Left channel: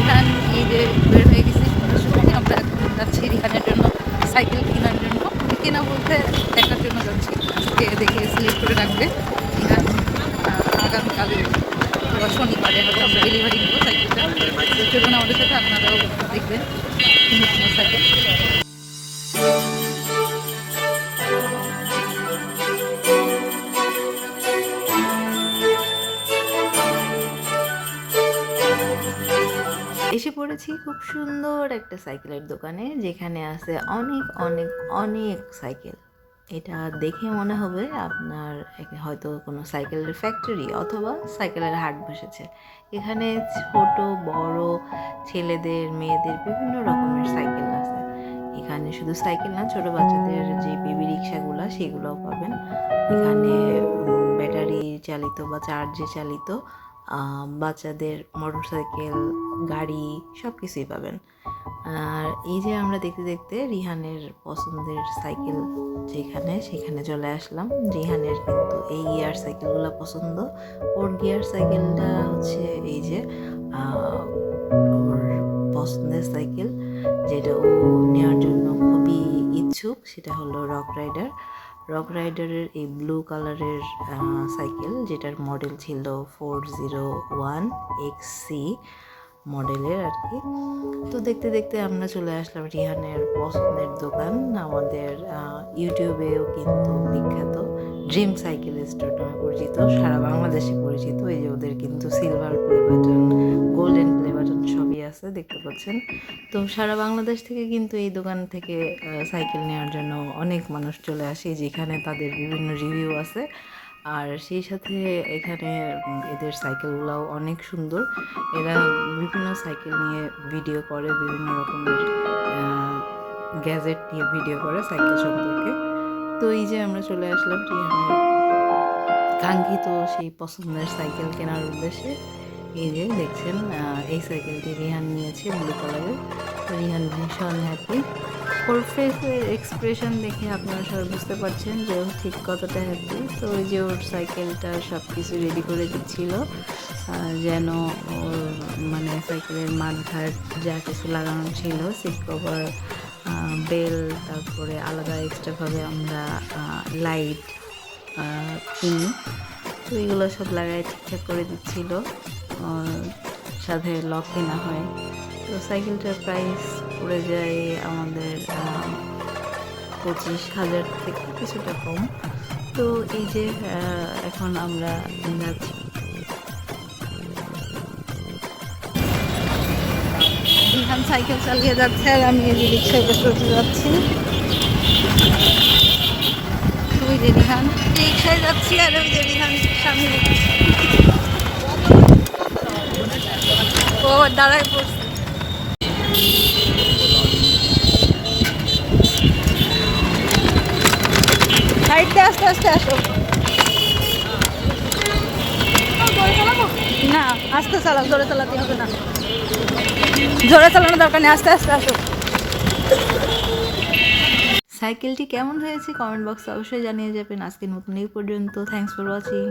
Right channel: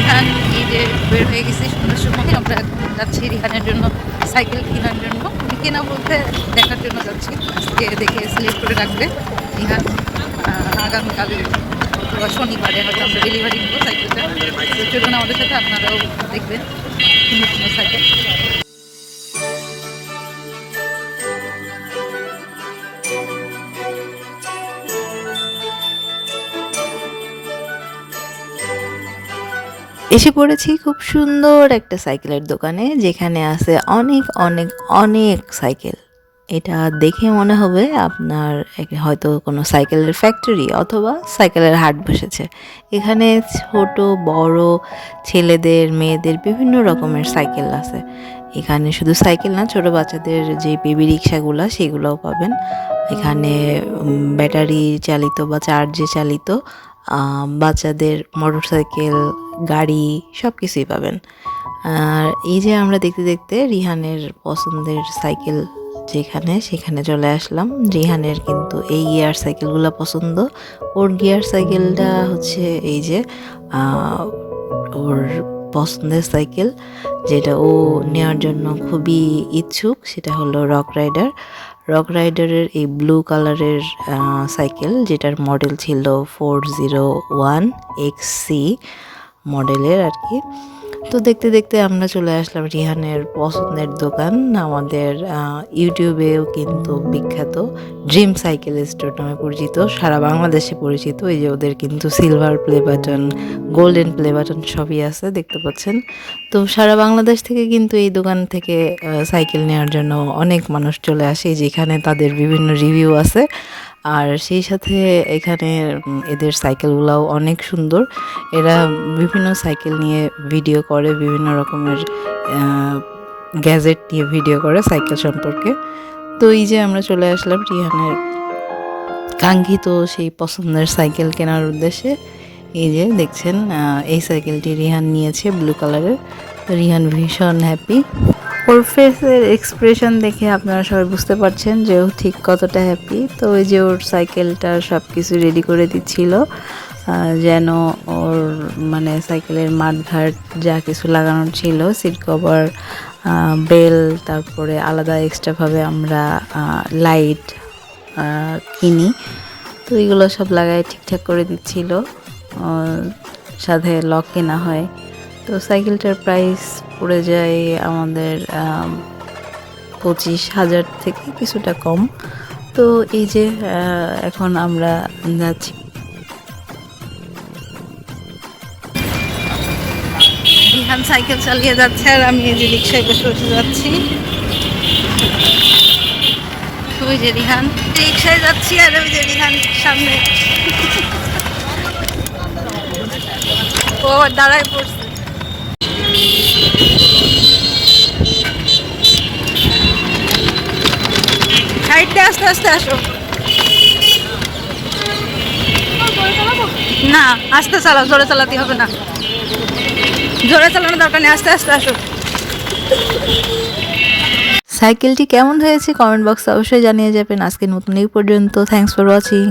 রিহান যে বের হয়ে গেছি সন্ধ্যার সময় আমরা এখন যাচ্ছি রিহানের জন্য, সাইকেল কেনার জন্য। কেনা বলতে দেখার জন্য যাচ্ছি। আজকে দেখে সিলেক্ট করে রাখবে রিহান। আগামীকাল অথবা শনিবারে হয়তো আমরা ডেলিভারি নেব সাইকেলটা। তো চলুন আমাদের সাথে আপনারাও দেখবেন সুন্দর সুন্দর সাইকেল। এসে পড়েছি খুব সুন্দর একটা সাইকেলের দোকানে, যেখানে আছে অনেক অনেক অনেক সাইকেল। এটা দেখে মনে হবে আপনার হয়তো কোনো সাইকেলের ফ্যাক্টরি অথবা সাইকেলের হাট বসেছে। এখানে ছোট, বড় ছেলেদের, মেয়েদের বিভিন্ন রকমের সাইকেল আছে। এখানে শুধু সাইকেল না, ছোট বাচ্চাদের যে বেবি রিক্সাগুলো সেগুলোও পাবেন। এখানে ব্যাটারি চালিত বা চার্জে চালিত বাচ্চাদের মোটরসাইকেল, গাড়ি সব কিছুই পাবেন। আর এই যে আমরা দেখতে দেখতে রিহানের পছন্দের সাইকেল যেখানে, সেখানে চলে আসলাম। রিহানের কিন্তু এই গিয়ার সাইকেলগুলো পছন্দ। ওর গিয়ার সাইকেলটা হচ্ছে এই যে ওর পছন্দের সাইকেল, যেটা ও নেওয়ার জন্য খুবই ইচ্ছুক, সেটা হলো রক রাইডার। রক রাইডারের এই ব্লু কালারের সাইকেল, যেটার মডেল ছিল four zero one X C মডেলের আর কি। তো দেখতে দেখতে আমরা চলে আসলাম রিহানের পছন্দের দোকান, আমাদের ইউটিউবেও কিন্তু বিখ্যাত ড্রিম সাইকেল স্টোর নামে পরিচিত, সারা বাংলাদেশে পরিচিত। এই যে ওদের কিন্তু silver play button, golden play button সবই আছে, দেখতে পাচ্ছেন। তো সারা বাংলাদেশ থেকে কিন্তু এই দোকান থেকে সাইকেল নেওয়ার জন্য অনেক মানুষ চলে আসে, যেখানে তাদের বিভিন্ন রিভিউ আছে। আর সেই সাথে এখানে এদের সাইকেলগুলোও অনেক সুন্দর। এরা বিভিন্ন সাইকেল নিয়ে ভিডিও করে, বিভিন্ন রকমের গ্যাজেট নিয়ে ভিডিও করে সাইকেল সম্পর্কে। তো এই যে আমরা চলে আসলাম রিহানের কাঙ্ক্ষিত সেই পছন্দের সাইকেল কেনার উদ্দেশ্যে। এই যে দেখছেন এই সাইকেলটি রিহান নিয়েছে ব্লু কালারের রিহান ভীষণ হ্যাপি ওর ফেসের এক্সপ্রেশন দেখে আপনারা সবাই বুঝতে পারছেন যে ও ঠিক কতটা হ্যাপি তো ওই যে ওর সাইকেলটা সব কিছু রেডি করে দিচ্ছিল যেন ওর মানে সাইকেলের মাঠঘাট যা কিছু লাগানো ছিল সিট কভার বেল তারপরে আলাদা এক্সট্রাভাবে আমরা লাইট কিনি। তো এগুলো সব লাগায় ঠিকঠাক করে দিচ্ছিল সাথে লক কেনা হয়। তো সাইকেলটার প্রাইস পড়ে যায় আমাদের আম, পঁচিশ হাজার থেকে কিছুটা কম। তো এই যে এখন আমরা যাচ্ছি। রিহান সাইকেল চালিয়ে যাচ্ছে আর আমি এই যে রিক্সায় বসে বসে যাচ্ছি। ওই যে রিহান রিক্সায় যাচ্ছি আর ওই যে রিহান সামনে। ও দাঁড়ায় পড়ছে। সাইডে আস্তে আস্তে আসো। না, আস্তে চালাও, জোরে চালাতে হবে না। জোরে চালানো দরকার নেই, আস্তে আস্তে আসো। সাইকেলটি কেমন হয়েছে? কমেন্ট বক্সে অবশ্যই জানিয়ে যাবেন। আজকে নতুন এই পর্যন্ত। Thanks for watching